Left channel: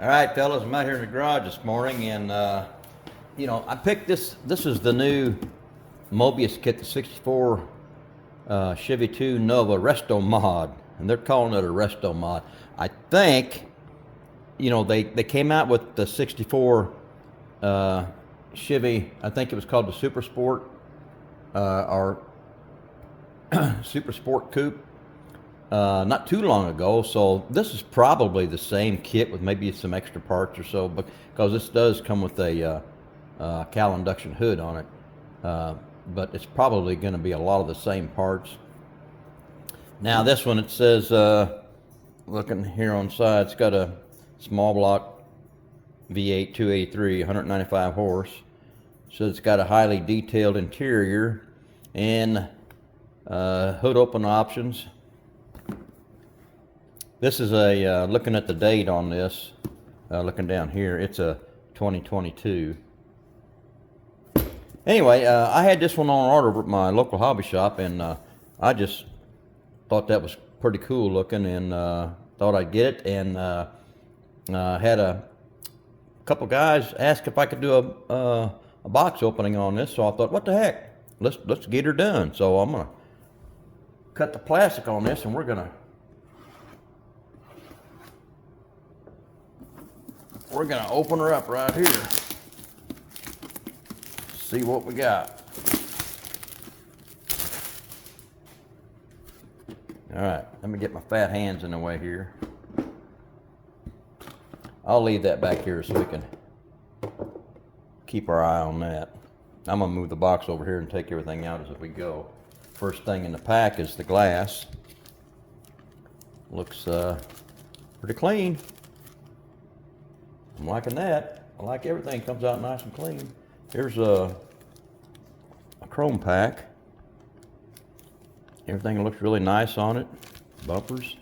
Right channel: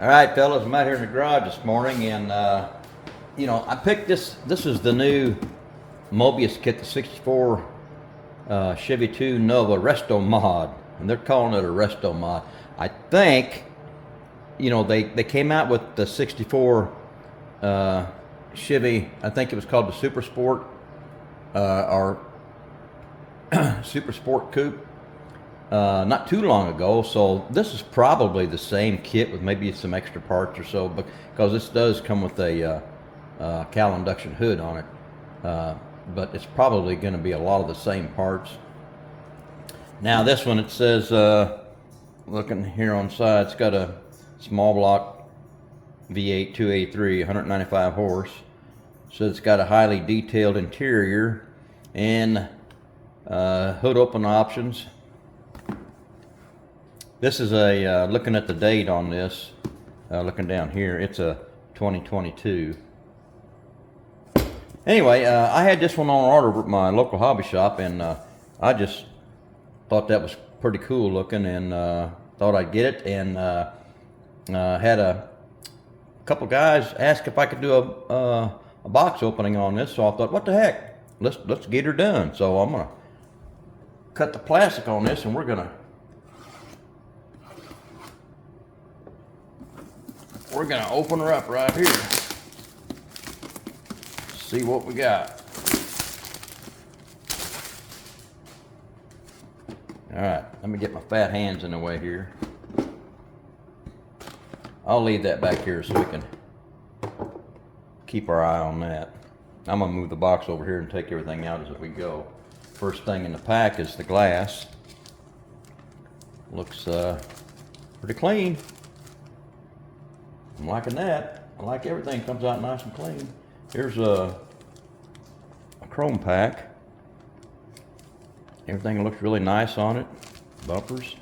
All right, fellas, I'm out here in the garage this morning, and I picked this. This is the new Mobius kit, the '64 Chevy 2 Nova Resto mod, and they're calling it a Resto mod. I think, they came out with the '64 Chevy. I think it was called the Super Sport or Super Sport Coupe. Not too long ago, so this is probably the same kit with maybe some extra parts or so, because this does come with a cowl induction hood on it, but it's probably going to be a lot of the same parts. Now this one, it says, looking here on the side, it's got a small block V8 283, 195 horse, so it's got a highly detailed interior and hood open options. This is a, looking at the date on this, looking down here, it's a 2022. Anyway, I had this one on order at my local hobby shop, and I just thought that was pretty cool looking, and thought I'd get it, and had a couple guys ask if I could do a box opening on this, so I thought, what the heck, let's get her done. So I'm gonna cut the plastic on this, and we're gonna open her up right here. See what we got. All right, let me get my fat hands in the way here. I'll leave that back here so we can keep our eye on that. I'm gonna move the box over here and take everything out as we go. First thing in the pack is the glass. Looks pretty clean. I'm liking that. I like everything comes out nice and clean. Here's a chrome pack. Everything looks really nice on it. Bumpers.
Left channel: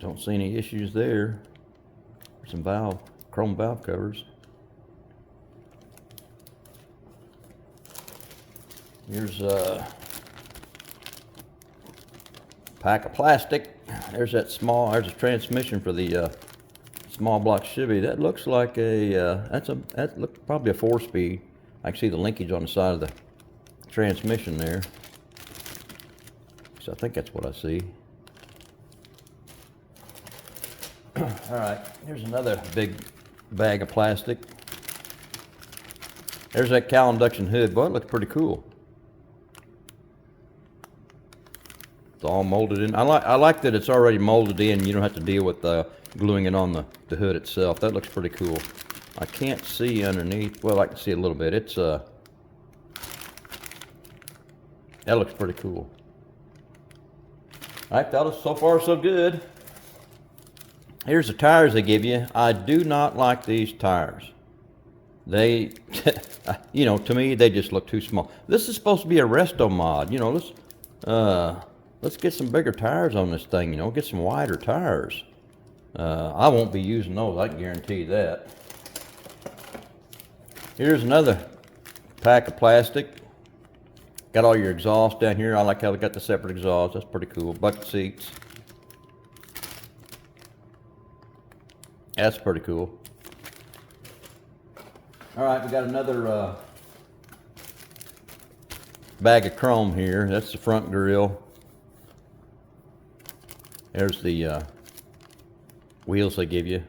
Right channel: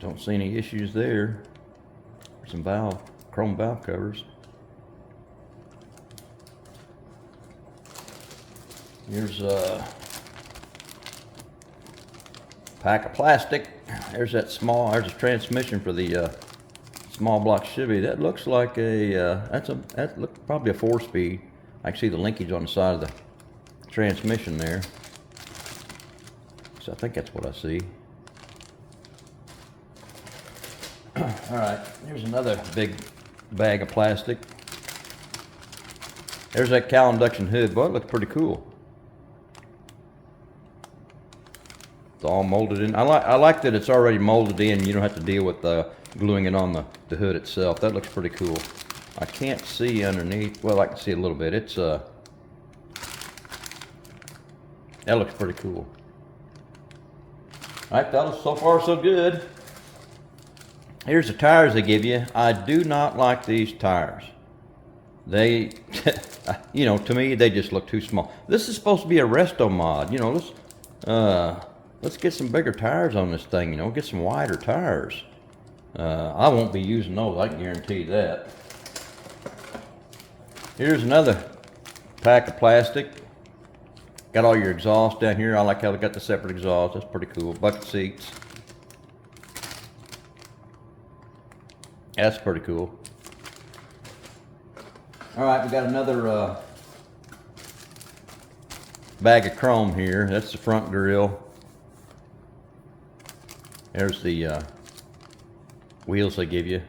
Don't see any issues there. Some chrome valve covers. Here's a pack of plastic. There's there's a transmission for the small block Chevy. That looks like that looks probably a 4-speed. I can see the linkage on the side of the transmission there. So I think that's what I see. All right, here's another big bag of plastic. There's that cowl induction hood. Boy, it looks pretty cool. It's all molded in. I like that it's already molded in. You don't have to deal with gluing it on the hood itself. That looks pretty cool. I can't see underneath. Well, I can see a little bit. It's that looks pretty cool. All right, fellas, so far so good. Here's the tires they give you. I do not like these tires. They, to me, they just look too small. This is supposed to be a Resto mod. Let's get some bigger tires on this thing, get some wider tires. I won't be using those, I can guarantee that. Here's another pack of plastic. Got all your exhaust down here. I like how they got the separate exhaust. That's pretty cool. Bucket seats. That's pretty cool. All right, we got another bag of chrome here. That's the front grille. There's the wheels they give you.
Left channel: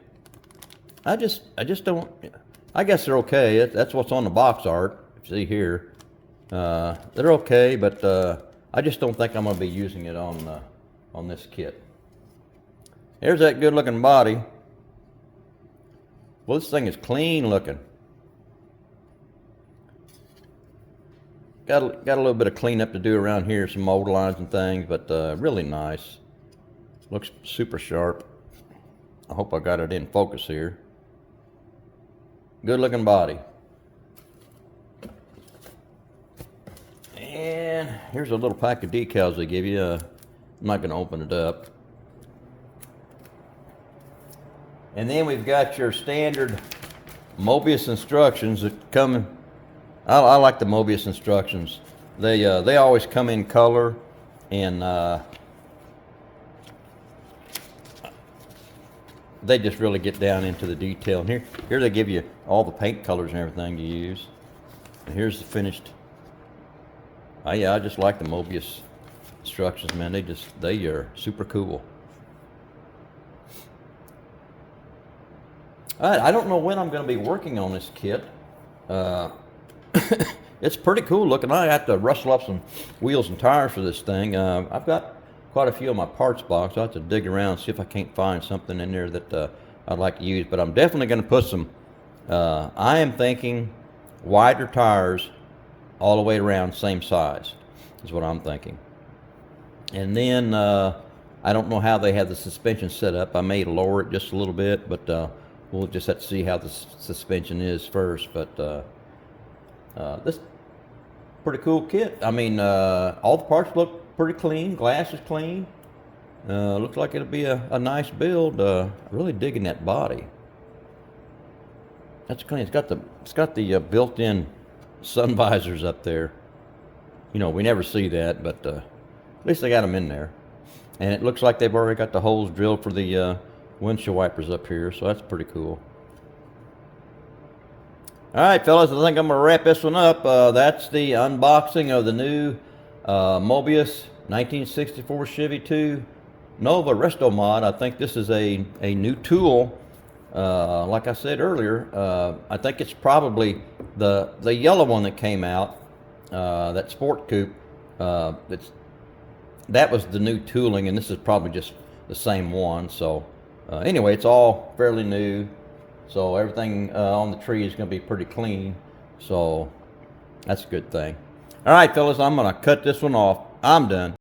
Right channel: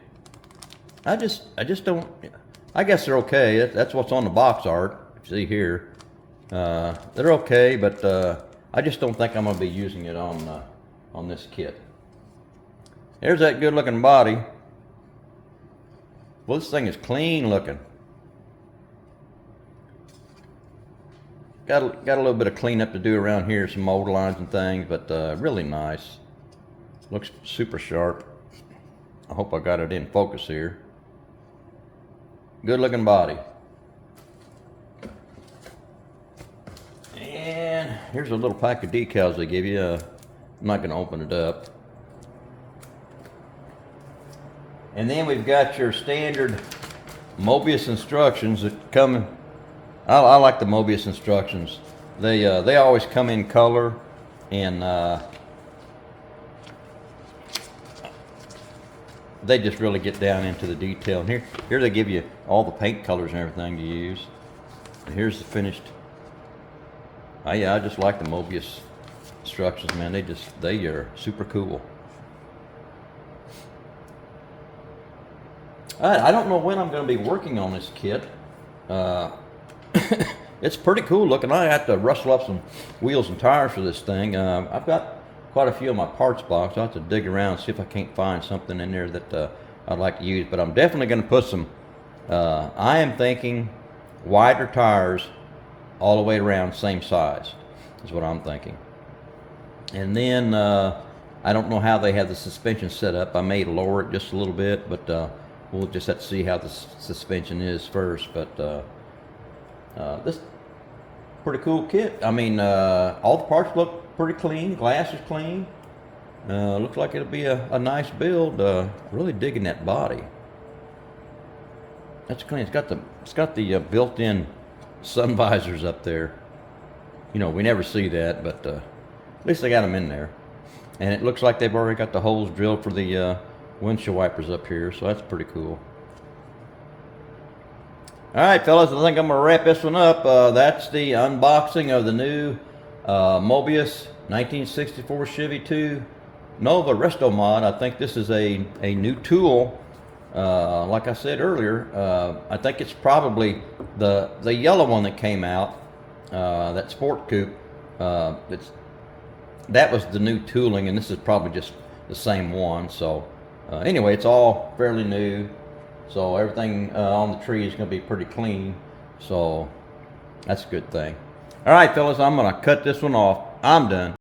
I just don't. I guess they're okay. That's what's on the box art. You see here, they're okay, but I just don't think I'm gonna be using it on this kit. There's that good-looking body. Well, this thing is clean looking. Got a little bit of cleanup to do around here, some mold lines and things, but really nice. Looks super sharp. I hope I got it in focus here. Good looking body. And here's a little pack of decals they give you. I'm not going to open it up. And then we've got your standard Mobius instructions that come. I like the Mobius instructions. They always come in color, and they just really get down into the detail. And here they give you all the paint colors and everything to use. And here's the finished. Oh yeah, I just like the Mobius instructions, man. They are super cool. All right, I don't know when I'm going to be working on this kit. It's pretty cool looking. I have to rustle up some wheels and tires for this thing. I've got quite a few in my parts box. I'll have to dig around and see if I can't find something in there that I'd like to use. But I'm definitely going to put some, I am thinking wider tires all the way around, same size, is what I'm thinking. And then I don't know how they have the suspension set up. I may lower it just a little bit, but we'll just have to see how the suspension is first. But this pretty cool kit. I mean, all the parts look pretty clean. Glass is clean. Looks like it'll be a nice build. Really digging that body. That's clean. It's got the built-in sun visors up there. You know, we never see that, but at least they got them in there. And it looks like they've already got the holes drilled for the windshield wipers up here, so that's pretty cool. All right, fellas, I think I'm going to wrap this one up. That's the unboxing of the new Mobius 1964 Chevy 2 Nova Resto mod. I think this is a new tool. Like I said earlier, I think it's probably the yellow one that came out, that Sport Coupe. That was the new tooling, and this is probably just the same one. So anyway, it's all fairly new. So everything on the tree is going to be pretty clean. So that's a good thing. All right, fellas, I'm going to cut this one off. I'm done.